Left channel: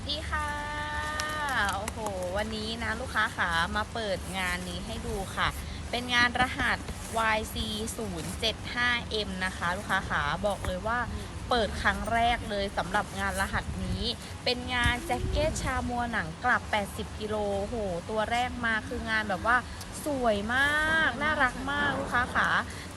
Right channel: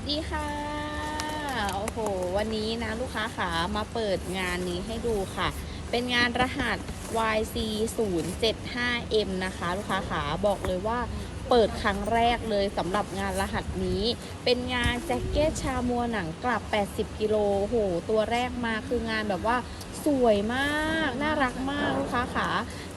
สดีค่ะ โอ้โห วันนี้นะลูกค้าขามาเปิดงานนี้ให้ดูค่ะ เป็นงานรหัส YC 0 7 5 M นะคะ ลูกค้าขาบอกเลยว่าเปิดครั้งแรกเลยสำหรับงานรหัสนี้ เป็นงานแจ็คเก็ตชามัวหนังกลับ 80 กิโลโอ้โหตัวแรกมาคืองานแบบว่า สวยมาก น่ารักมากลูกค้าขา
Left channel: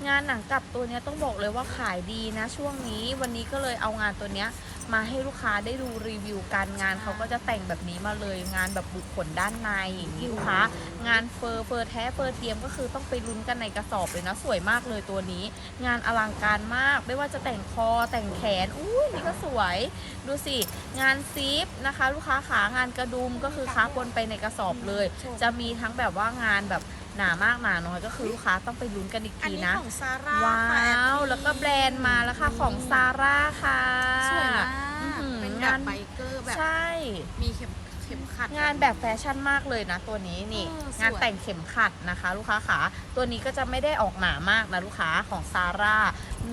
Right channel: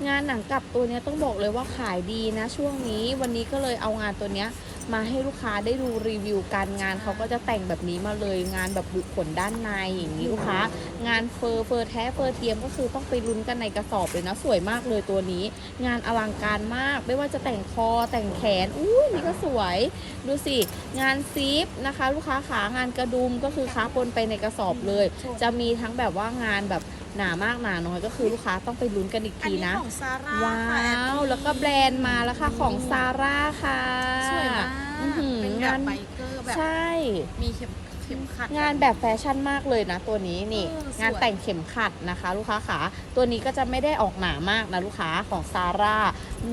งานหนังกลับตัวนี้ต้องบอกเลยว่าขายดีนะ ช่วงนี้วันนี้ก็เลยเอางานตัวนี้มาให้ลูกค้าได้ดูรีวิวกันงานเขาก็จะแต่งแบบนี้มาเลยงานแบบบุคคลด้านในอย่างนี้ลูกค้างานเฟอร์เฟอร์แท้เฟอร์เทียมก็คือต้องไปลุ้นกันในกระสอบเลยนะสวยมากเลยตัวนี้ งานอลังการมาก ไม่ว่าจะแต่งคอแต่งแขนอุ้ยนี่ก็สวยดูสิงานซิปนะคะ ลูกค้าขางานกระดุมก็คือค้าปนไปในกระสอบเลย จะมีทั้งแบบว่างานแบบหนามากหนาน้อยก็คือลูกค้าต้องไปลุ้นกันอีกอันทีนี้นะ ของซาร่าว้ค่ะแอาวปแล้วก็แบรนด์มาแล้วค่ะของซาร่าค่ะสวยมาก อื้อหือเป็นแบบงานไบเกอร์แบบ ใช่ มีเข็มเข็มขัด งานแบบแฟชั่นมากเลยนะตัวนี้นี่ เออสวย งานแต่งเข็มขัดนะคะ ลูกค้าขาตัวนี้ก็จะไม่ได้ออกหนามากนะลูกค้าของซาร่า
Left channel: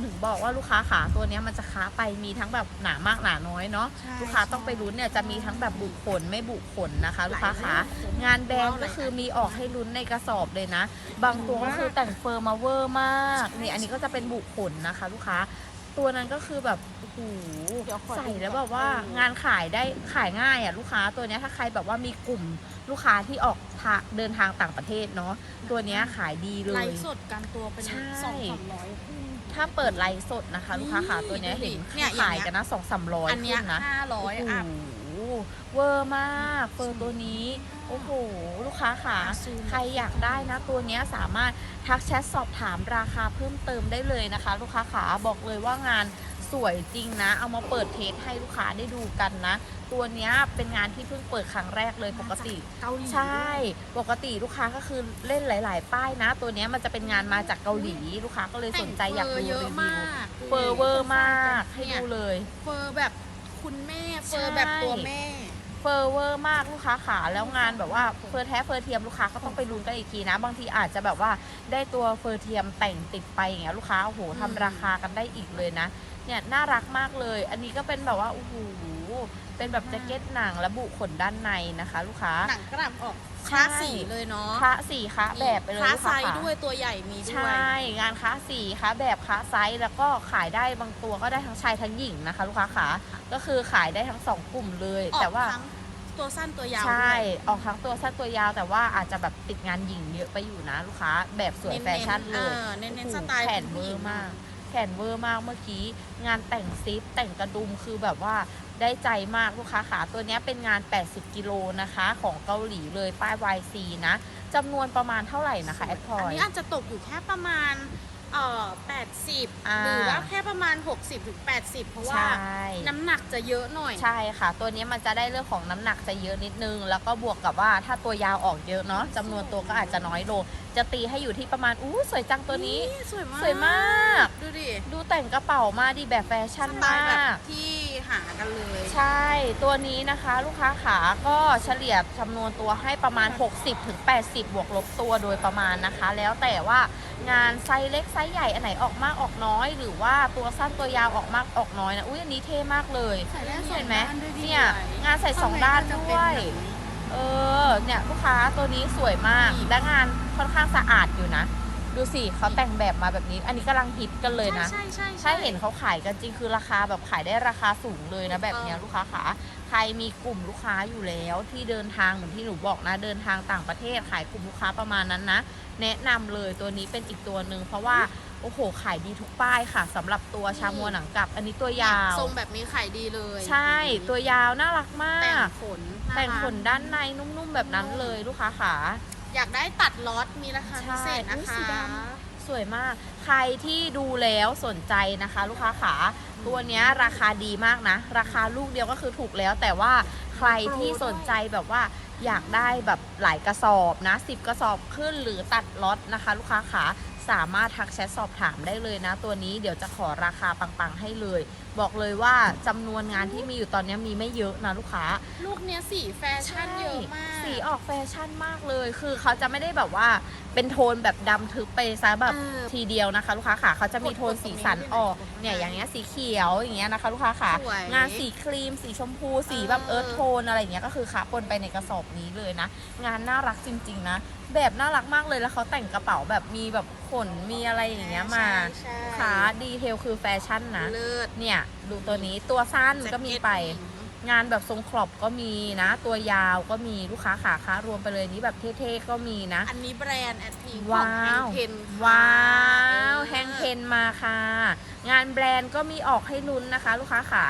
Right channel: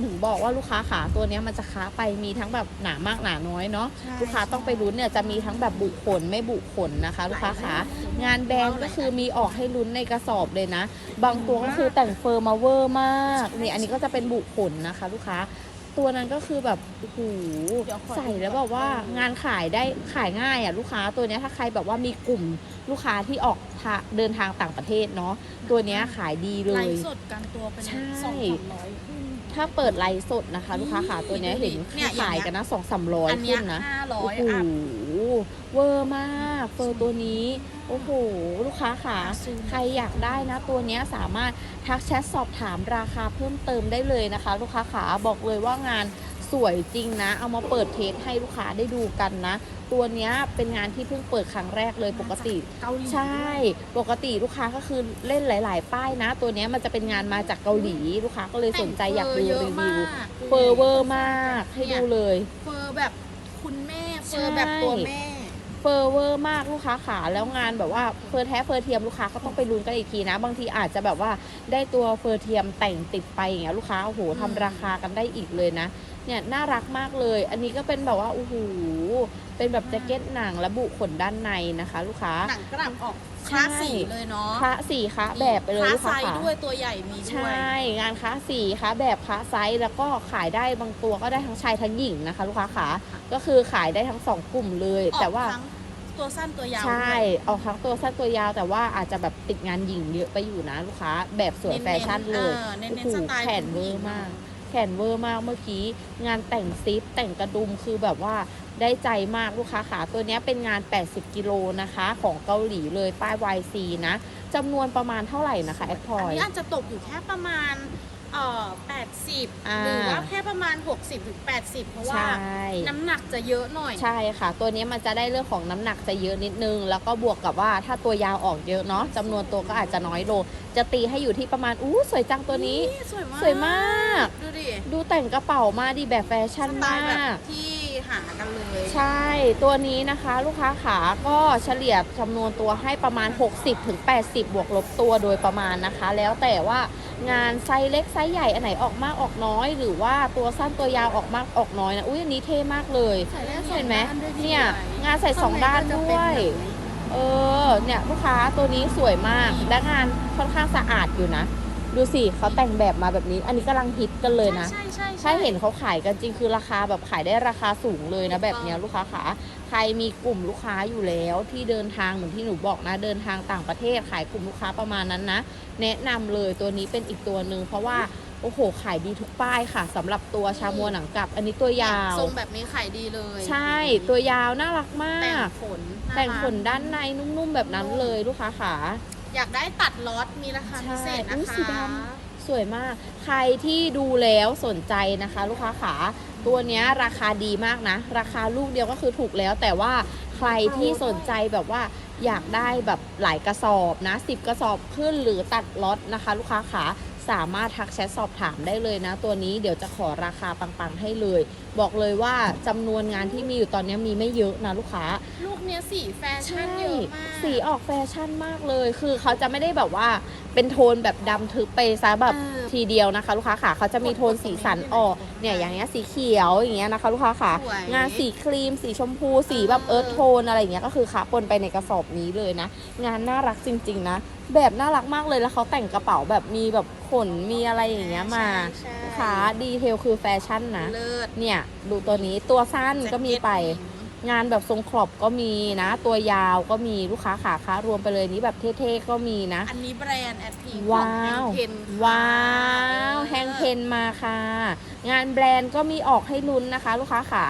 ถึงบอกว่าลูกค้าขาตัวเนี้ยมันจะค้าไปมีทั้งแบบหนามากหนาน้อยเนาะ ใช่ลูกค้าต้องไปลุ้นเนี่ยจะมีทั้งแบบบุขนไม่บุขนนะคะ ลูกค้าขางานแบรนด์ก็คือมีออกให้ลุ้นในกระสอบเลยนะ บางตัวก็คือแต่งเฟอร์มาเวอร์มากนี่อันนี้ก็จะเป็นบุขนนะคะ ลูกค้า ตัวนั้นก็คือแบบโอ้โหเดี๋ยวขอดูใส่แล้วแบบว่าเอองานขายได้ขายง่ายอะลูกค้าตัวเนี้ยถ้าใครแบบว่ามีกลุ่มลูกค้าที่ออกทาเดินทางต่างประเทศเนาะตัวเนี้ยขายดีเลไลย ฟ์สดกันตัวเป็นใช่ สองสามร้อยถ้าเปิดไลฟ์สดนะคะ ลูกค้าขาตัวเนี้ยดูดิเห็นเนี่ยอย่างขายเงี้ย กันนะสองสามร้อยอันเนี้ยขึ้นนะห้าร้อยโอ้อัพโห เวอร์มากเฟอร์ตัวนี้ โอ้โห ลูกค้าค่ะซูมใครอยากได้นะตัวเนี้ยสามารถทักแชทสอบถามราคาเพิ่มเติมได้เลยนะคะ ลูกค้าขาบอกเลยว่างานสวยจริงนะ เอามาเปิดเทสให้ลูกค้าได้ดูกันนะ ตัวเนี้ยเป็นงานที่เพิ่งเปิดครั้งแรกเลยปกติเกาหลีใช่ ปกติลูกค้าก็คือเล่นหลาย ๆ ป้ายนะ ตัวเนี้ยมันจะเป็นงานมาจากเกาหลี ลูกค้าก็เลยสนใจอยากดูแต่งเฟร์เยรีอะวิมาวกเฟอร์เวอร์มากให้เนี่ยดูเลย เฟอร์แบบ คุณแม่เฟอร์ใช่แบบตัวแม่ เฟอร์เวอร์มากลูกค้าขาแล้วงานแบบว่าเฟอร์แท้เฟอร์เทียมลูกค้าก็ต้องไปลุ้นกันอีกทีนะ บางทีอาจจะแบบว่าได้ตัวเฟอร์เทียมแต่งติดไปอย่างเงี้ยลูกค้าโอ้โหอืมทำราคากันได้อีกเลยนะ เนี่ยน่ารักมากเลย อันนี้ก็เป็นแบบว่าโอ้โหเป็นแบบแจ็คเก็ตหนังและบุขนด้านในนะคะ ลูกค้าหนังกลับออกคใช่ลาสสีเลยเนาะคละสีคะแบบไปเลยคลาสลูกไซค้าส์ขาด้วยตัวใหญ่มีใชด้วย่งานค้าสีค้าแบบค้าไซส์แล้วก็ขายได้บางตัวก็ได้ทั้งชายทั้งหญิงนะคะ ลูกค้าขาก็คือขายได้ทั้งสองกลุ่มเลยออแต่กว่าทั้ง ตัวสั้นตัวยาวใช่ด้วยออกทั้งตัวสั้นตัวยาว แต่ว่าอาจจะแบบติดงานหญิงเยอะไปอยู่นะลูกค้า แบบสวยแฟชั่นเน้นๆเลเอยอเน้นๆโอ้โหสไตล์แขนคุณผู้เวหญิองร์เนอะมาก แขนเวอร์มากเมื่อกี้งานแต่งซิปแต่งกระดุมคือแบบว่าได้ใจมากลูกค้าขาตัวเนี้ยเป็นงาน 80 กิโลนะคะ ของเกาหลีเลยป้าย YC นะจำนวนประมาณเท่าไหร่นะคะแอดพออันย นี้อาจจะตกอยู่แค่ประมาณ เอ่ออ่า80 หรือว่าแค่ประมาณ 60ถึง80 เพราะว่าใช่ น้ำหนักจะเยอะหน่อย ใช่ค่ะ ตัวนี้มันจะได้เรื่องของน้ำหนักจะเยอะนิดนึง แล้วก็บวกกับว่าถ้าตัวยาวออกเยอะเนาะจำนวนตัวก็อาจจะน้อยลง จะตีให้อยู่ที่ประมาณ อู้สวยจังตัวนี้ สวยมาก สวยมาก ดูดิ ดูแต่งกระเป๋ามาดีแบบแฟสชั่นไตมาล์แบบก ที่ หากันเลย ใช่ตัวนี้นะคะลูกค้าขาก็เฉลี่ยจำนวนตัวให้ประมาณ60ถึง80 บวกลบตัวโดยประมาณนะคะ แล้วแต่ว่างานไซส์เล็กไซส์ใหญ่อันไหนออกมากออกน้อย หรือว่าตัวสั้นตัวยาวออกมากออกน้อยนะอุ้ยอันนี้เท่มากเลยใส่ได้สองเห็นไหมด้านด้วยพี่เนี่ยไหงานใส่สองด้านข้ด้ใก็จะวเป็นยหนังเออ เนี่ยลูกค้าตัวนี้สวยมากนี่และงานค่อนข้างสะอาดอยู่นะ ดูสิเขาแต่งแบบมาแบบนี้ อันนี้กำลังฮิตกันเลยนะ ใช่ใช่ใช่ ถ้าเห็นเขาขายกันจริงคือราคาแบบขายได้ราคาสูงเลยนะ ถูกแบบเนี้ยต้องลูกค้าขาใครมีกลุ่มลูกค้าอยู่แล้วที่เดินทางเหมือนที่หนูบอกนะ เดินทางต่างประเทศขายกลุ่มลูกค้าประมาณนั้นนะ แนะนำเลยตัวนี้เป็นอีกตัวหนึ่งเพราะว่าโอ้โหขายดีทุกป้ายค่ะสำหรับตัวชามัวหนังกลับ อันนี้ตัวยาวทรงแบบนี้ขายดีเลยใช่ตัวยาวน่ารักมาแต่งก ขนแต่งารัก ขนด้านในนุ่มๆแบบนั้นเลยลูกค้าขา อยากได้ตัดล็อตมีราคาพิเศษนะใช่คะอุ๊ยสีดำสวยมาก ใครที่ดูแล้วสนใจนะคะ ลูกค้าขา ตัวเนี้ยราคาดีมากนะ ราคาลูกเดียวก็คือถูกแล้ว แต่ว่าใครที่สนใจแบบว่าอยากได้แบบหลายกระสอบนะ 10 กระสอบขึ้นหรือตัดล็อตนะคะ ลูกค้าขาสามารถทักแชทสอบถามได้เลยนะ ตัวนี้เดี๋ยวจะขอราคาปังๆให้เลย บอกเลยว่าจำนวนงานที่มีอยู่ตอนนี้มีไม่เยอะนะลูกค้า ลูกเนี้ยสีแฟชั่นเยอะมากสีออกแฟชั่นมากเลย คือเขาจะไม่ได้แบบว่าเป็นโทนแบบดำทึบไปซะแบบเออทีเดียวนะคะ ลูกค้าค่ะเขาจะมีโทนกดๆสีสันตรงนี้ออกได้ไหมเนี่ยอย่างเงี้ยสีเขีขียวอย่างเงี้ยนะคะ ลูกค้าค่ะ สวย งานสีครีม สีชมพู สีแบบเอเอิอร์ธโทนอะไรอย่างเงี้ยก็คือขาปนไปในกระสอบนี้เลยนะ งานน่ารักจริง ๆ นะ แบบน่ารักมากเลยแล้วเขาแต่งกระเป๋าแบบมีแบบขนมีอะไรอย่างเงี้ยมาใช่ขาดีเทลคือแฟชั่นนะ เลิศ เนี่ย ดูตัวนี้ตัวสั้นก็มีไป แจ็คเก็ต งานแบบทรงครอบก็มีนะ ตัวยาวก็มีลูกค้าขาค้ารวมไปเลยนี้แบบเท่ๆก็มีนะ อันนี้แบรนด์แอดพีขว้าองแฮงวเพนค่ะว้าวออแฮงเพนมาค่ะ งานแบรนด์ก็มีออกให้ลุ้นนะคะ ลูกค้าขา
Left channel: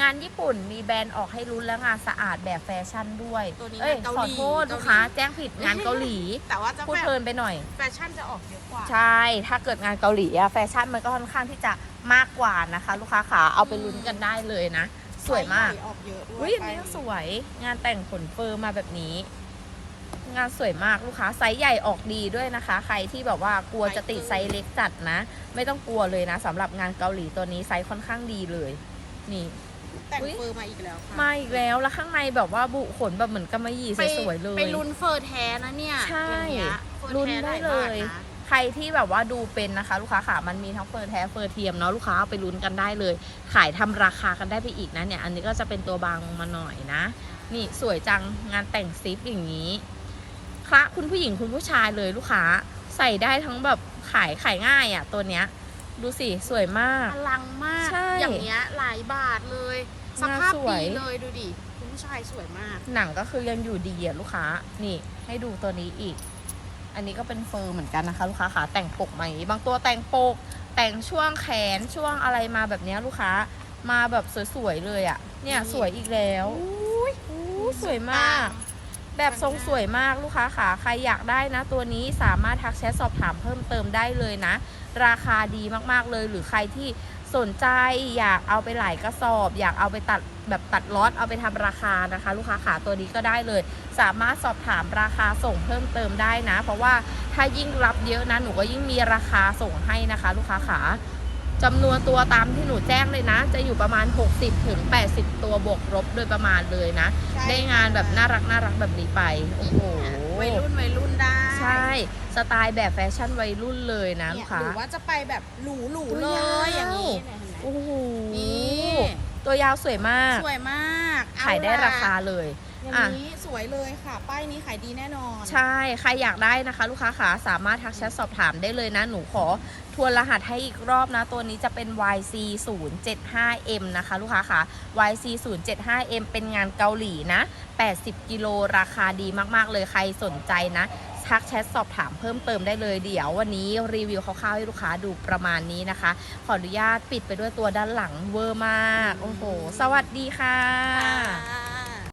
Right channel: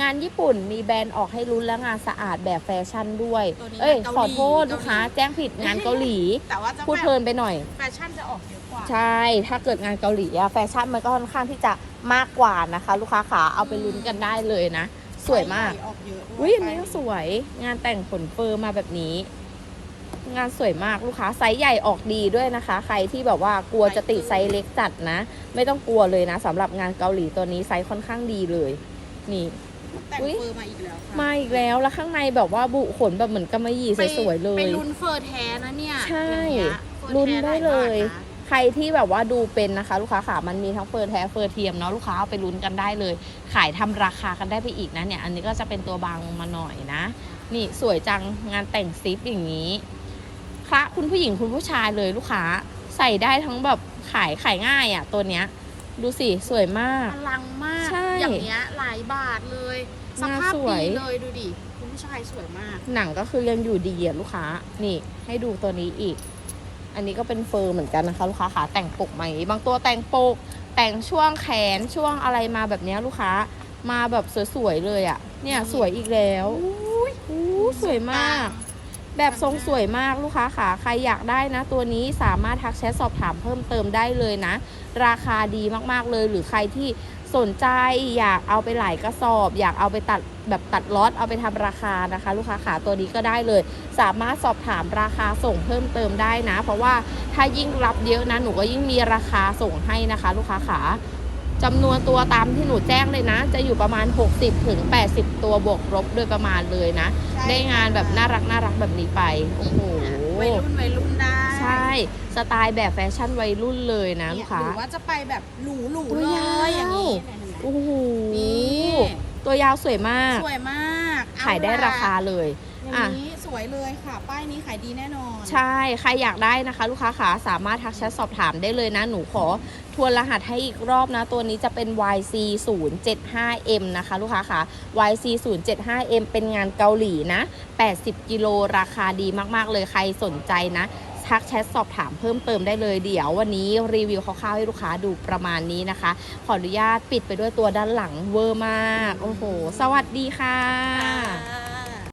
งานญี่ปุ่นมีแบรนด์ออกให้ลุ้นและงานสะอาดแบบแฟชั่นด้วยตัวนี้เอ้ยงานเกาขอหลีโทษลูกค้าแจ้งผิดงานเกาหลี แต่ว่าจะพูดแบบเพลินไปหน่อยแฟชั่นจะออกเยอะกว่า ใช่ถ้าเกิดงานเกาหลีอะแฟชั่นมันก็ค่อนข้างที่จะมากกว่านะคะ ลูกค้าขาเอาไปลุ้นกันได้เลยนะ สวยมากไซส์ใหญ่ออกเยอะด้วยอุ้ยอันนี้ไปก็สวย งานแต่งขนเฟอร์มาแบบนี้ งานสวยมากลูกค้าไซส์ใหญ่ออกดีด้วยนะคะ ใครที่แบบว่ากลัวจะติดไซส์เล็กจัดนะ ไม่ต้องกลัวเลยนะสำหรับงานเกาหลีตัวนี้ไซส์ค่อนข้างดีเลย นี่แต่งอุ๊ยเฟอร์มาอีกแล้วค่ะมาอีกแล้วแล้วข้างในแบบว่าบุขนแบบเหมือนกำมะหยี่ไปสวยๆเลยไปลุ้นเฟอร์แท้นะเนี่ยใช่อย่างเงี้ยเฟอร์ลุ้นแท้ได้หาเลบาทยนะ ใครที่แบบว่าดูเป็นนะคะ ลูกค้าขามันมีทั้งเฟอร์แท้เฟอร์เทียมเนาะลูกค้าเอาไปลุ้นกันได้เลย ขายทำราคากันได้ไปอีกนะเนี่ย อันนี้ก็จะเป็นตัวบางมาหน่อยนะ นี่สวยจังงานแต่งซิปอย่างนี้คละคุณผู้หญิงคุณผู้ชายเลยลูกค้าใส่ได้ทั้งแบบขายขายง่ายอะ่ะ ตัวเนี้ยดูสิ สวยมากอลังมากใช่อย่างเงี้ยหลายบาทเลย สภาพงานสวยดีเลยดูดิ คุณผู้ชายสวยมาก หนังก็คือยังอยู่ดีอะลูกค้า นี่ให้ดูตัวนี้อีก อันนี้ก็เป็นเฟอร์เหมือนกันนะคะ ลูกค้าขาแต่งปกไหมบางตัวแต่งปก แต่งช่วงแขนช่วงอะไรมาแบบเนี้ยลูกค้ามาแบบสวยๆเลยอะ เนี่ยนี่สวยอีกแล้วอู้สวยมาก แบบทรงสวยมากลูกค้าขาใครอยากได้นะ ตัวนี้สามารถทักแชทสอบถามเพิ่มเติมได้เลยนะ ราคาดีมากๆเลยหรือใครที่ สนใจอยากเอาไปหลายกระสอบ อยากเอาไปตัดแบบตัดล็อตเอาไปทำราคานะคะ ลูกค้าขาตัวนี้ก็ได้เลย สามารถสอบถามราคาส่งเพิ่มเติมได้นะ เพราะว่าถ้ายิ่งรับเยอะนะหนูก็ยิ่งมีราคาส่งให้นะคะ ลูกค้าขาจำนวนตัวตามที่หนูแจ้งเลยนะ จะอยู่ประมาณ 60ถึง80 ตัวบวกลบโดยประมาณเลยนะใช่ได้งานแบบน่ารักน่ารักแบบนี้ไปโอ้โห วัยรุ่นวัยรุ่นได้ใช่ สไตล์แบบแฟชั่นวัยรุ่นเลยนะลูเนี่กยค้าหรือว่าจะไปแบบหรูหรูๆตัเลวยาวยอย่างนี้เนี่ยเห็นไหมโอ้โหนี่ ตัวยาวสวยมาก สวยมากเอขายได้ล่ะราคาเลย อย่างนี้สวยเลยค่ะ ป้ายนี้ขายดีแน่นอน ใช่ ใครอยากได้นะคะ ลูกค้าขาสามารถทักแชทสอบถามได้เลยนะ หนูขอทวนรหัสให้อีกรอบนะ ตัวนี้จะเป็น YC 0 7 5 M นะคะ ลูกค้าขา YC 0 7 5 M เป็นงานเกาหลีนะ 80 กิโลราคาดีมาก ๆ เลยใครสนใจนะ ทักแชทสอบถามเพิ่มเติมได้เลยเดี๋ยววันนี้รีวิวคร่าวๆให้ลูกค้าดูประมาณนี้นะคะ ขออนุญาตปิดไปด้วยตัวด้านหลังเวอร์มาก โอ้โห สวัสดีค่ะคะ